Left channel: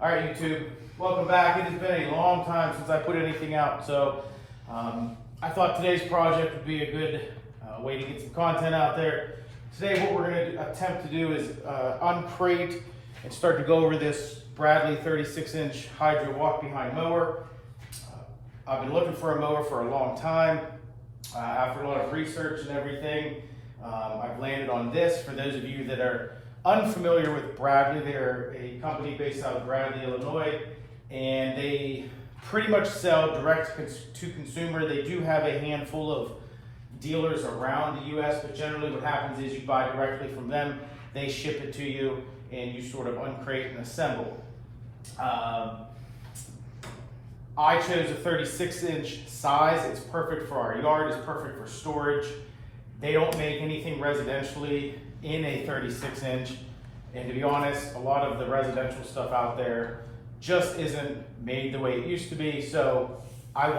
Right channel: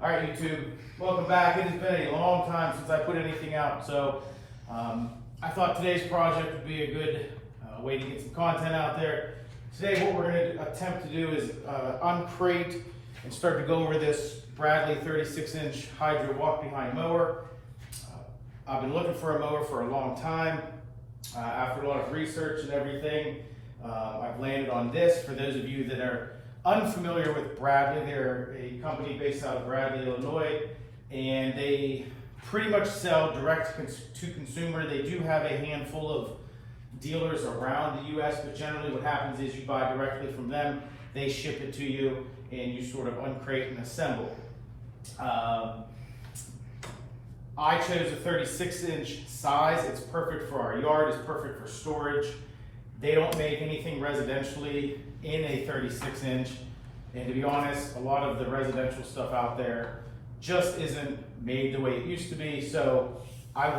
All right, YouTube, welcome back. It has been a long time since I put anything out, so I thought today's project would be a good way to get some content out there. Today, what we're going to attempt to do is uncrate and start to go over this Bradley 36-inch Hydra walk-behind mower. I've been looking for a mower for a long time. After a lot of research and everything, I've landed on this. For those of you that are unfamiliar with Bradley, they're a company based out of Bradley, Illinois, and they pretty much sell direct to consumer. They do have a handful of dealers around the US, but generally what happens is you buy directly from them, they ship it to you, and you sort of uncrate and assemble. I chose a 36-inch size. It's perfect for our yard, it's perfect for storage. They don't make anything residentially in a 36-inch, and to be honest, a lot of the residential stuff out there just isn't made the way it used to be. So I've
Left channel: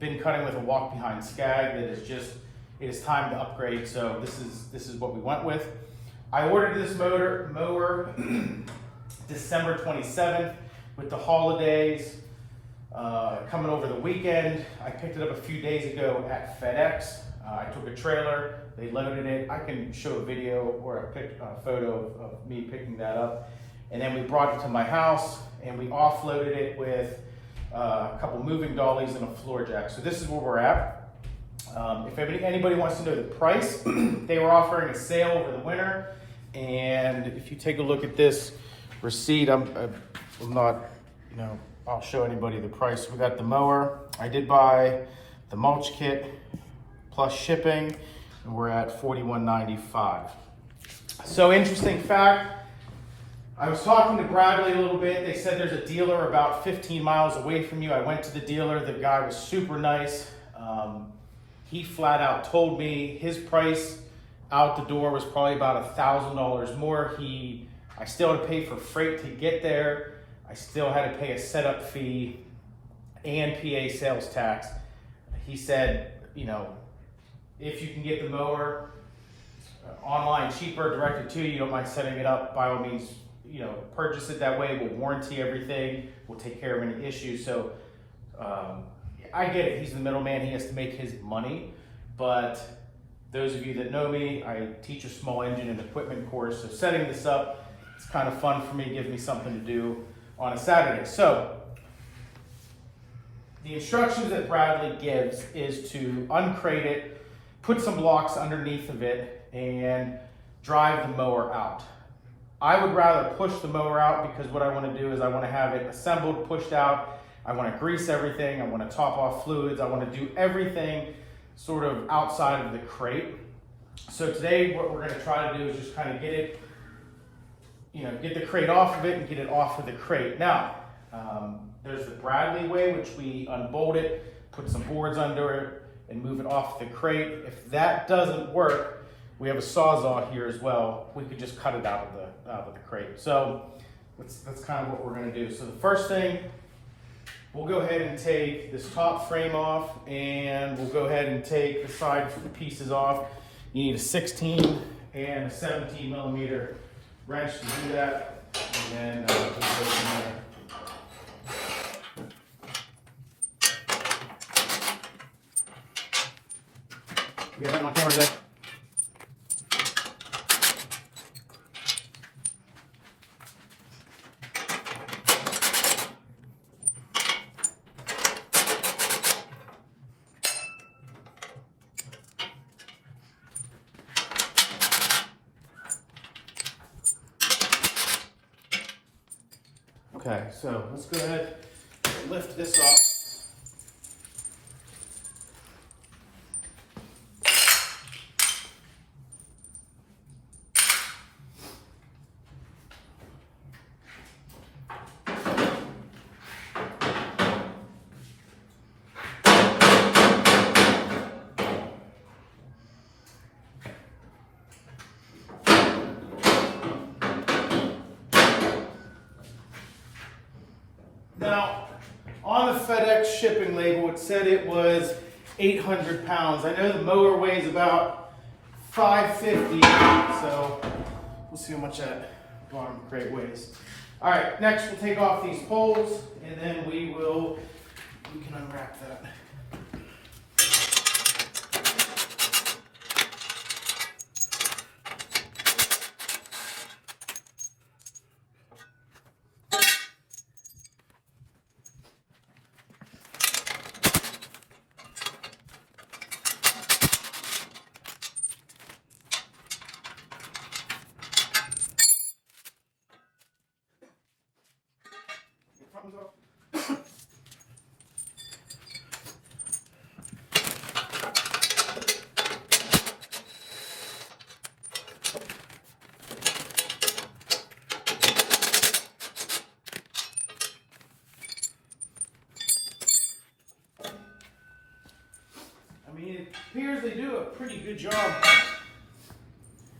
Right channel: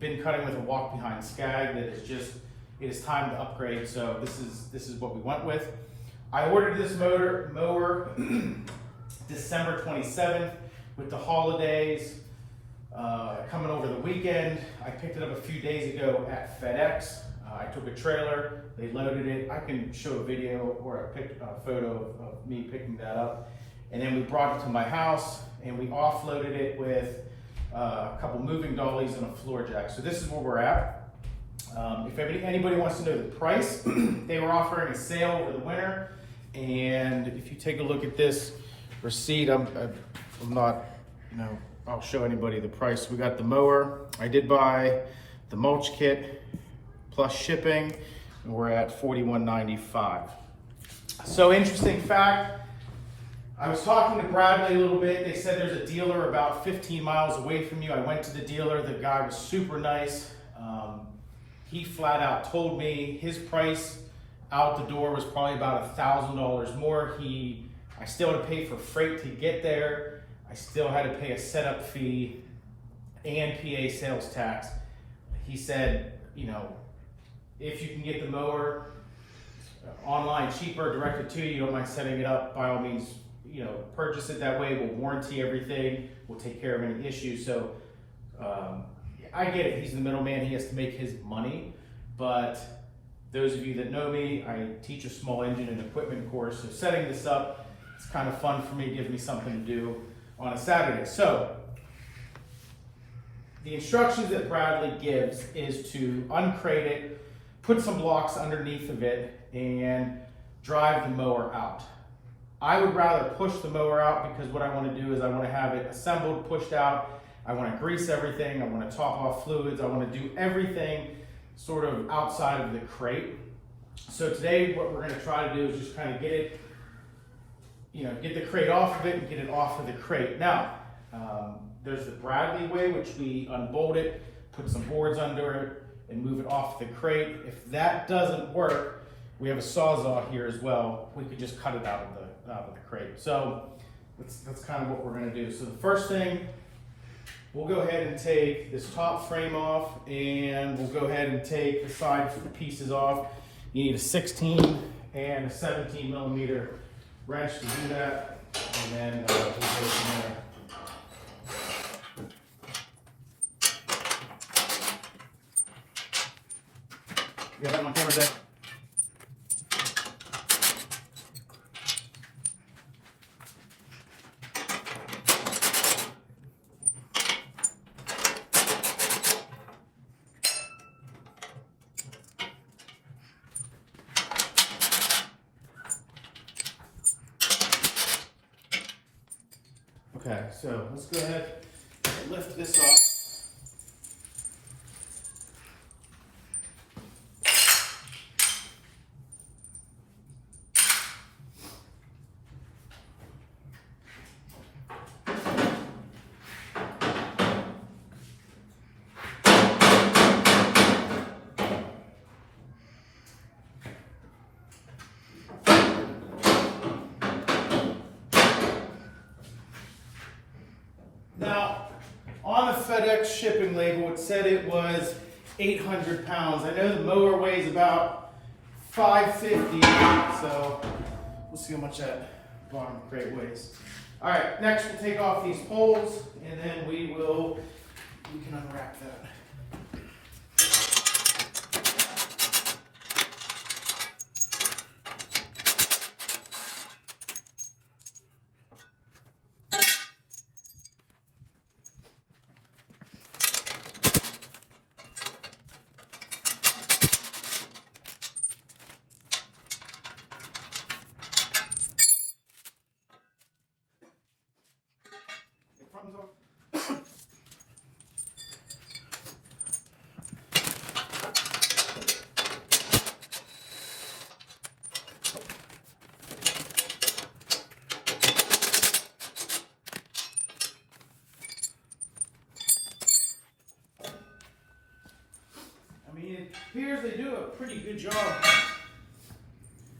been cutting with a walk-behind Skag that is just, it is time to upgrade. So this is what we went with. I ordered this mower December 27th with the holidays coming over the weekend. I picked it up a few days ago at FedEx. I took a trailer, they loaded it. I can show a video or a photo of me picking that up. And then we brought it to my house and we offloaded it with a couple moving dollies and a floor jack. So this is where we're at. If anybody wants to know the price, they were offering a sale over the winter. And if you take a look at this receipt, I'm not, I'll show anybody the price. We got the mower. I did buy the mulch kit plus shipping, and we're at $41.95. So interesting fact, I was talking to Bradley a little bit. They said there's a dealer about 15 miles away from you. I went to the dealer. The guy was super nice. He flat out told me his price out the door was probably about $1,000 more. I still had to pay for freight to get there. I still had to pay a setup fee and PA sales tax. He said, if you can get the mower online cheaper, directly to you, you don't mind setting it up, by all means, purchase it that way. We'll warranty everything. We'll take care of any issues. So I get it. He's the middleman. He has to make his money. But those of you that know me, I teach a small engine and equipment course. So setting this up, it's kind of fun for me. It gives me something to do on a Saturday. So the instructions that Bradley gives is to uncrate it, put some blocks underneath of it, and drive the mower out. I would rather push the mower out because what I want to do is I want to have it assembled, pushed out. I want to grease everything. I want to top off fluids. I want to do everything sort of outside of the crate. So today what we're going to try to do is just kind of get it, get the crate off of it and get it off of the crate. Now, there's the Bradley way, which we unbolt it, put some boards under it, and move it off the crate. If that doesn't work, we have a Sawzall here as well. We could just cut it out of the crate. So that's kind of what we're going to do. So the first thing, we'll go ahead and take this top frame off, and we'll go ahead and take the side pieces off. You need a 16 and a 17 millimeter wrench to do that, and then we'll go from there. We have my camera today. Okay, so let's go ahead and lift this off. Now, on the FedEx shipping label, it said it was 800 pounds. I know the mower weighs about 550, so we'll see how much that bottom crate weighs. All right, next we'll take off these poles, and then we can unwrap that. I mean, it appears they do a pretty good job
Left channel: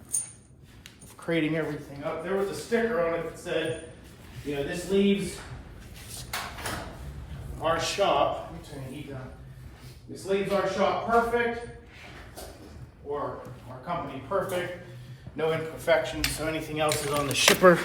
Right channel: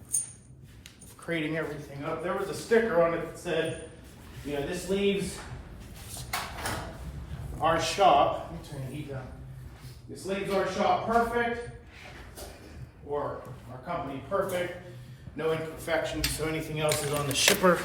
of crating everything up. There was a sticker on it that said, you know, this leaves our shop, let me turn the heat down. This leaves our shop perfect, or our company perfect, no imperfections, so anything else is on the shipper.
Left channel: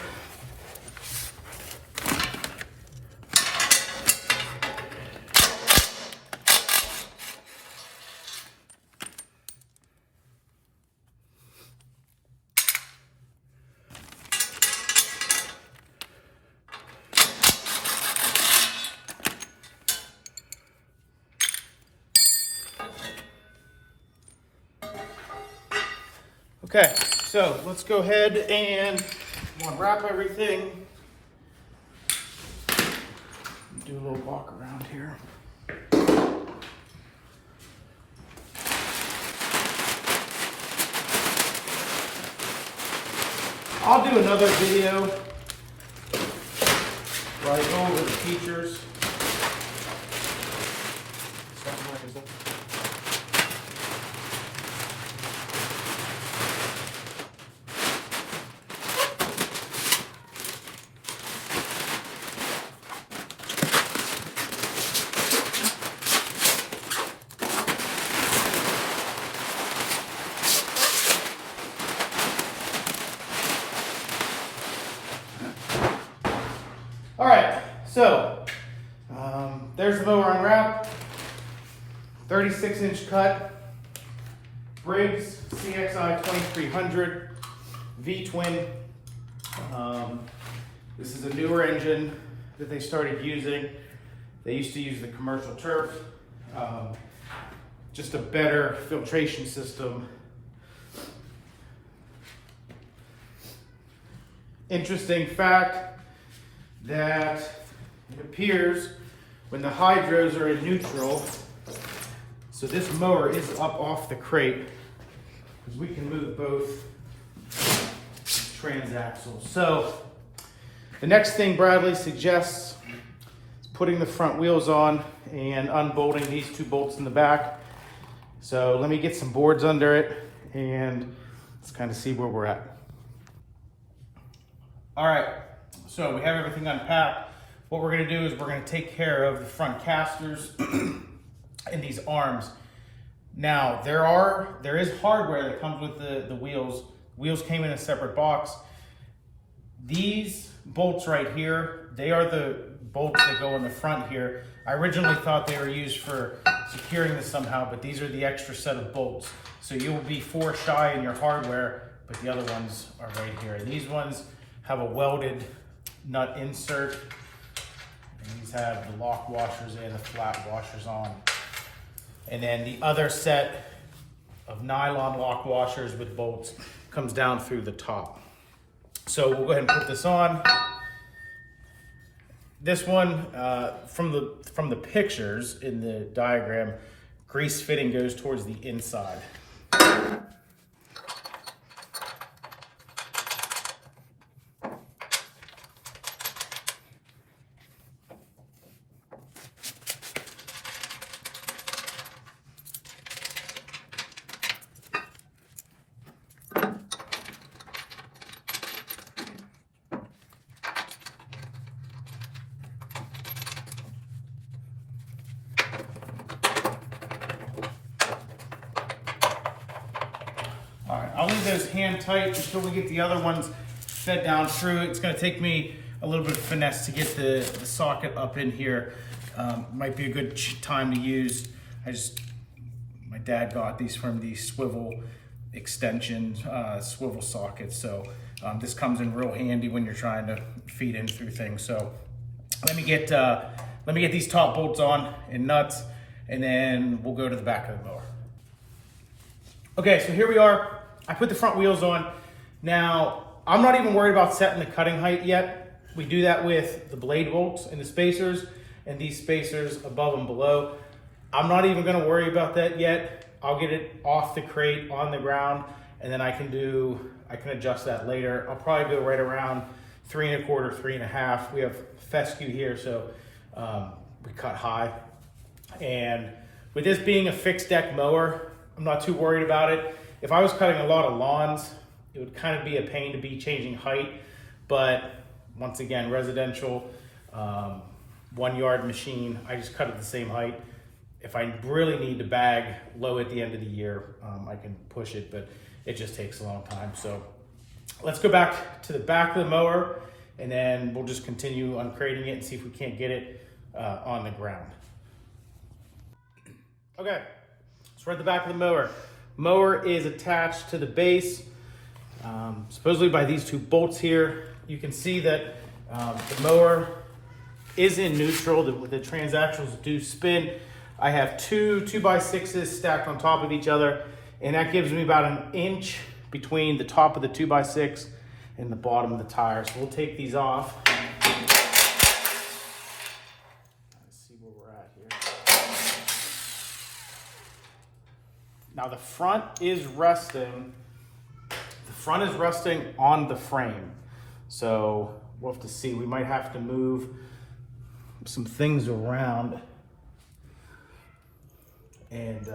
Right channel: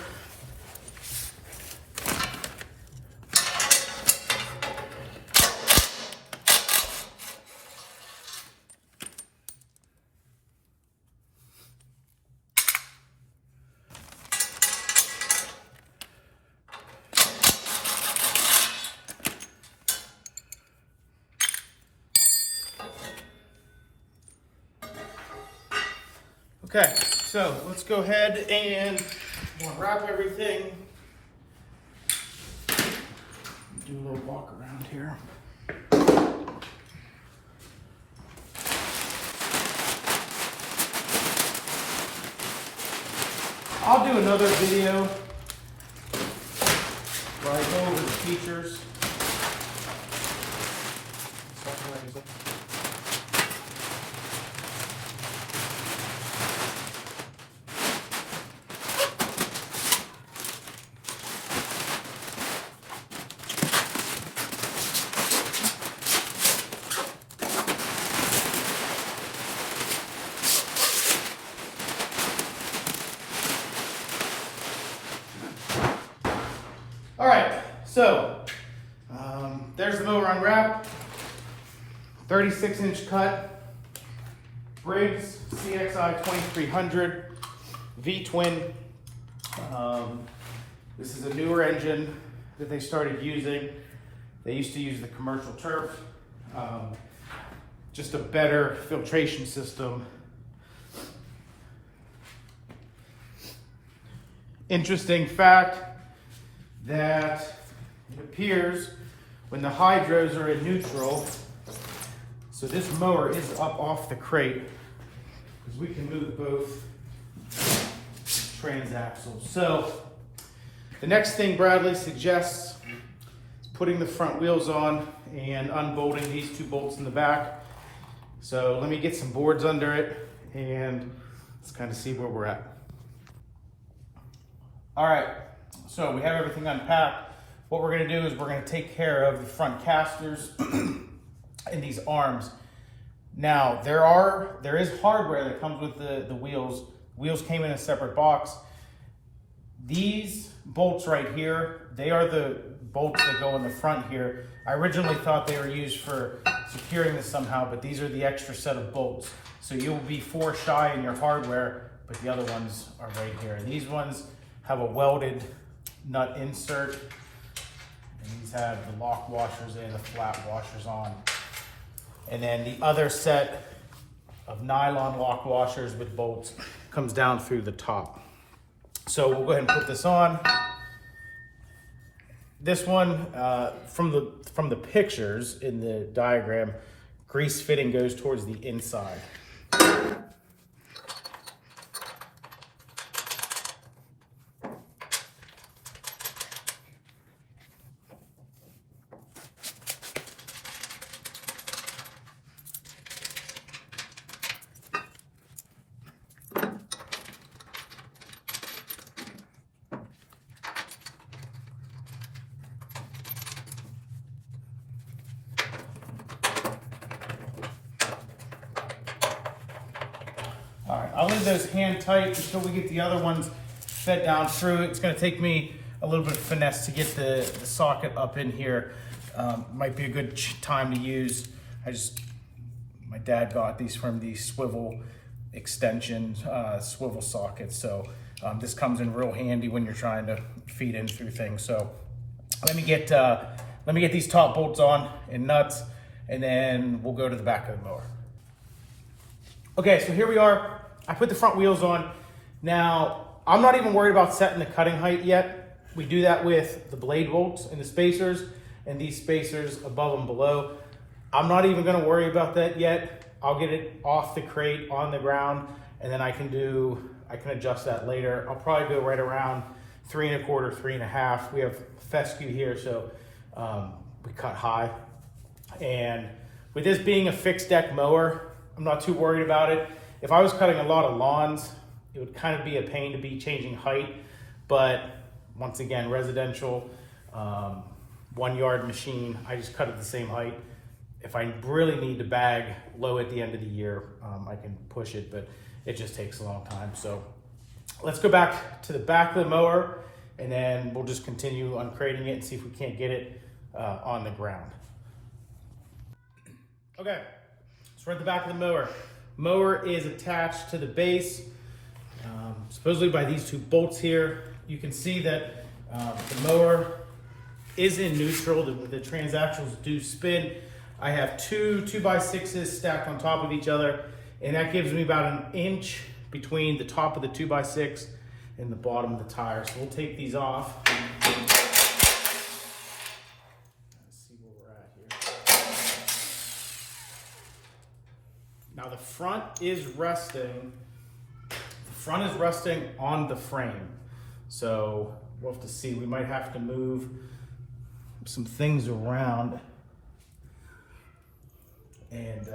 Okay, so let's go ahead and wrap everything. Do a little walk around here. I'll do another video where I go over the features. All right, so there's the mower unwrapped, 36-inch cut, Briggs CXI 2300 V-twin. This is a newer engine that they started using. They used to use the commercial turf, just a better filtration system. Interesting fact that it appears when the hydros are in neutral, so this mower is up off the crate, because we can move both transaxles. So the next thing Bradley suggests is putting the front wheels on and unbolting these two bolts in the back. So let me get some boards under it and let's kind of see where we're at. All right. So we have everything unpacked. What we're gonna do is we're gonna take care of the front casters and these arms. Now, there is hardware that comes with the wheels. Wheels came in a separate box. These bolts right here, they are the bolts that go in the front here. I originally thought they were used for securing this somehow, but these are the extra set of bolts. So you will be 4 shy in your hardware, but the other ones are right here. And these ones have a welded nut insert, and these have the lock washers and the flat washers on. And then the other set of nylon lock washers with bolts comes down through the top. So we'll go ahead and put this on. This one, from the pictures in the diagram, grease fitting goes towards the inside. All right, I'll leave those hand tight until we get the other ones fed down through. It's gonna take me a little bit of finesse to get the socket up in here. Might be a good time to use. My dad got these from the swivel extension, swivel sockets. So this comes in real handy when you're trying to feed in through things. So let me get these top bolts on and nuts, and then we'll go to the back of the mower. Okay, so here we are. I put the front wheels on. Now, I'm not even worried about setting the cutting height yet. We do that with the blade bolts and the spacers, and these spacers above and below. I'm not even gonna worry about that yet. I'll get it off the crate on the ground, and then I can adjust that later. I'll probably go right around 3 1/4, 3 1/2. We have fescue here, so we cut high. And with this being a fixed deck mower, I'm not too worried about it. If I was cutting a lot of lawns, it would kind of be a pain to be changing height. But once again, residential, 1 yard machine, I just cut it the same height. If I really need to bag low at the end of the year, I can push it, but it just takes a long time. So let's go back to the back of the mower, and then we'll just continue uncrating it and see if we can't get it on the ground. Okay, so we're at the back of the mower. Mower is attached to the base, supposedly by these 2 bolts here. You can see that the mower is in neutral. The transaxles do spin. I have 2 2x6s stacked on top of each other, and that gives me about 1 inch between the top of the 2x6 and the bottom of the tire. So we'll take these off. Let's see where we're at here. Now the front is resting. The front is resting on the frame. So we'll have to see. We might have to move some things around. And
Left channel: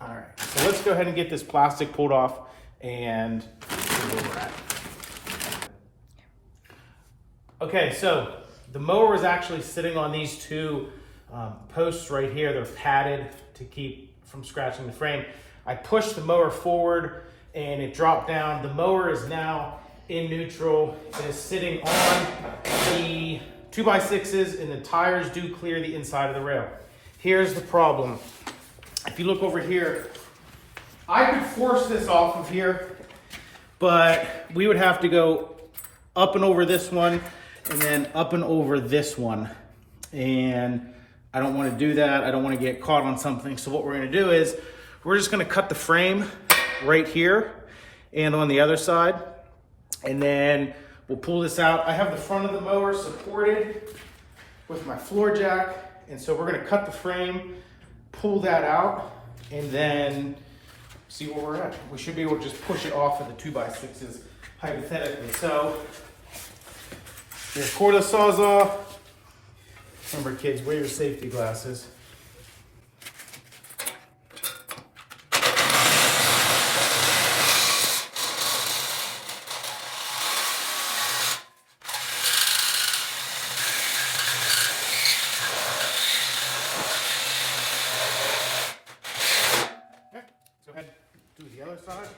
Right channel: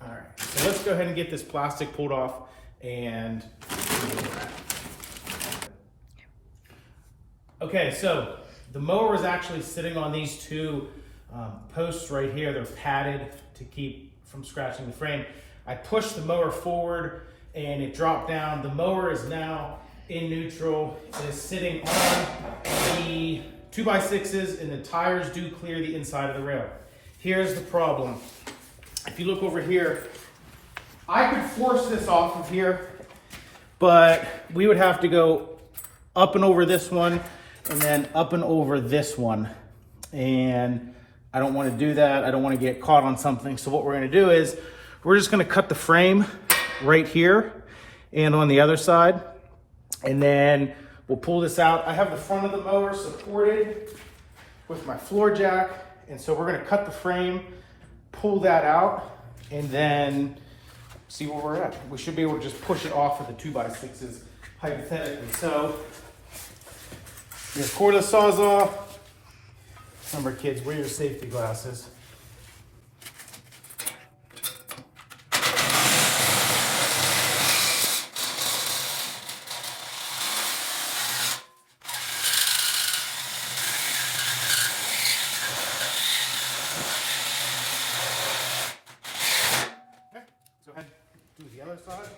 all right, so let's go ahead and get this plastic pulled off and see where we're at. Okay, so the mower is actually sitting on these 2 posts right here. They're padded to keep from scratching the frame. I pushed the mower forward and it dropped down. The mower is now in neutral. It is sitting on the 2x6s, and the tires do clear the inside of the rail. Here's the problem. If you look over here, I could force this off of here, but we would have to go up and over this one, and then up and over this one. And I don't want to do that. I don't want to get caught on something. So what we're going to do is we're just going to cut the frame right here and on the other side, and then we'll pull this out. I have the front of the mower supported with my floor jack, and so we're gonna cut the frame, pull that out, and then see where we're at. We should be able to just push it off of the 2x6s, hypothetically. So, we'll pull the Sawzall. Remember kids, wear your safety glasses. Do the other side.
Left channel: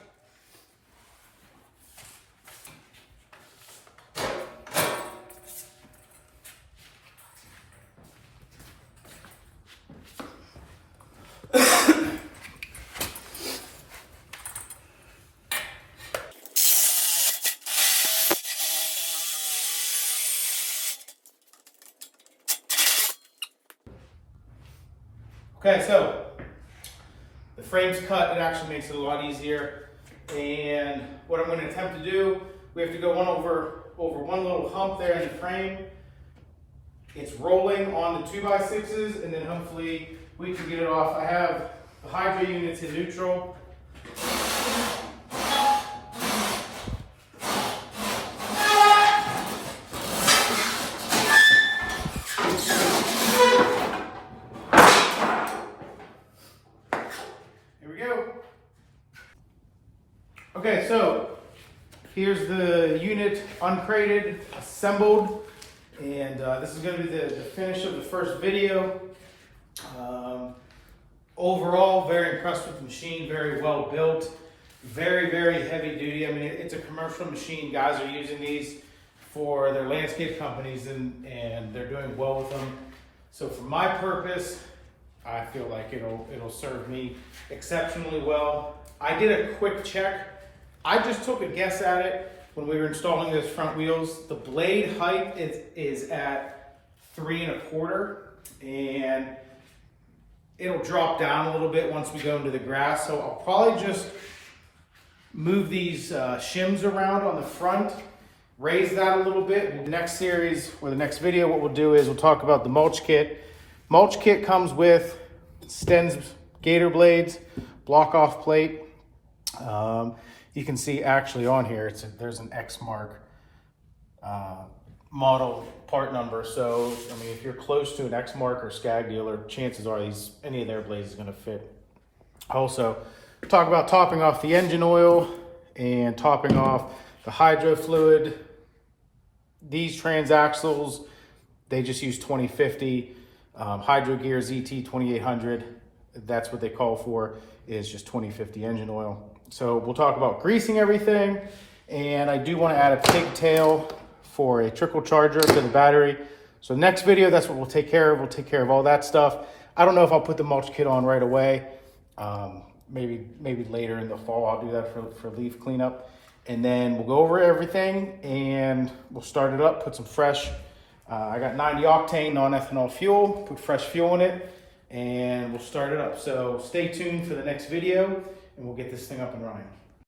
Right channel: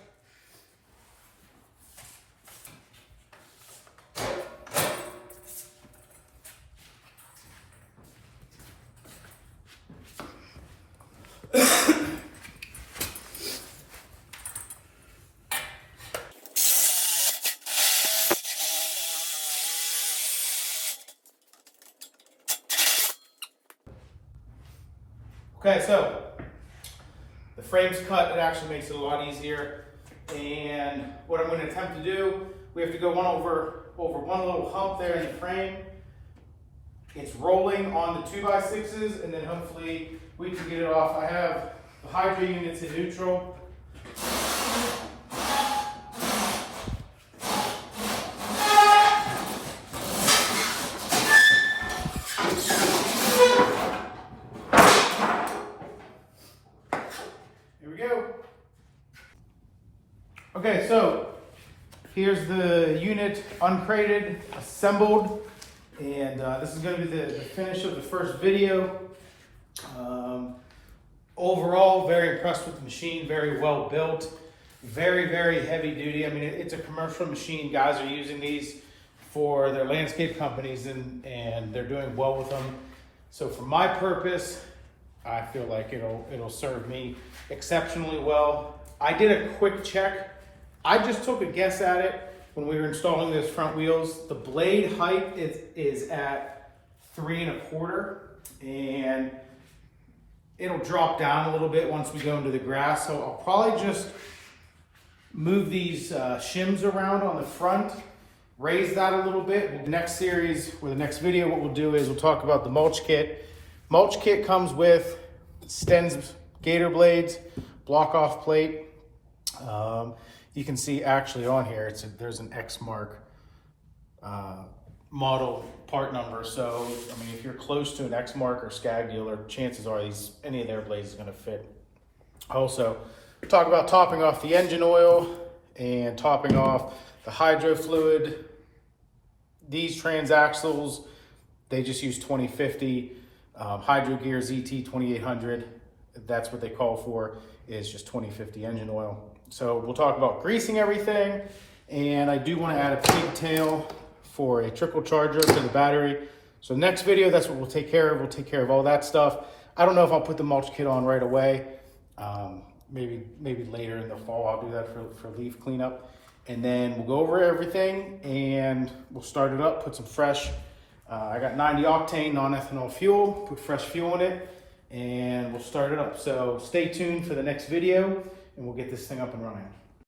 Okay, so the frame's cut. It actually makes it a lot easier. And what I'm going to attempt to do, we have to go over one little hump there in the frame. It's rolling on the 2x6s, and then hopefully we can get it off. I have the Hydra units in neutral. Okay, so here's the unit uncrated, assembled, and this is going to be the finish of the first video. Overall, very impressed with the machine, very well built. Very, very heavy duty. I mean, it's a commercial machine. Guys are using these for their landscape companies and they're doing well with them. So for my purpose, I feel like it'll serve me exceptionally well. I did a quick check. I just took a guess at it when we were installing those front wheels. The blade height is at 3 1/4, and it'll drop down a little bit once we go into the grass. So I'll probably just move these shims around on the front, raise that a little bit. The next series or the next video, what we'll do is we'll talk about the mulch kit. Mulch kit comes with Sten's gator blades, block off plate. You can see actually on here, there's an Exmark model part number. So, I mean, if you're close to an Exmark or Scag dealer, chances are any of their blades is gonna fit. Also, talk about topping off the engine oil and topping off the hydro fluid. These transaxles, they just use 2050. Hydro Gear ZT 2800, that's what they call for, is just 2050 engine oil. So we'll talk about greasing everything, and I do want to add a pigtail for a trickle charger for the battery. So next video, that's what we'll take care of. We'll take care of all that stuff. I don't know if I'll put the mulch kit on right away. Maybe later in the fall, I'll do that for leaf cleanup. And then we'll go over everything and we'll start it up, put some fresh, I got 90 octane non-ethanol fuel, put fresh fuel in it, and we'll start it up. So stay tuned for the next video and we'll get this thing up and running.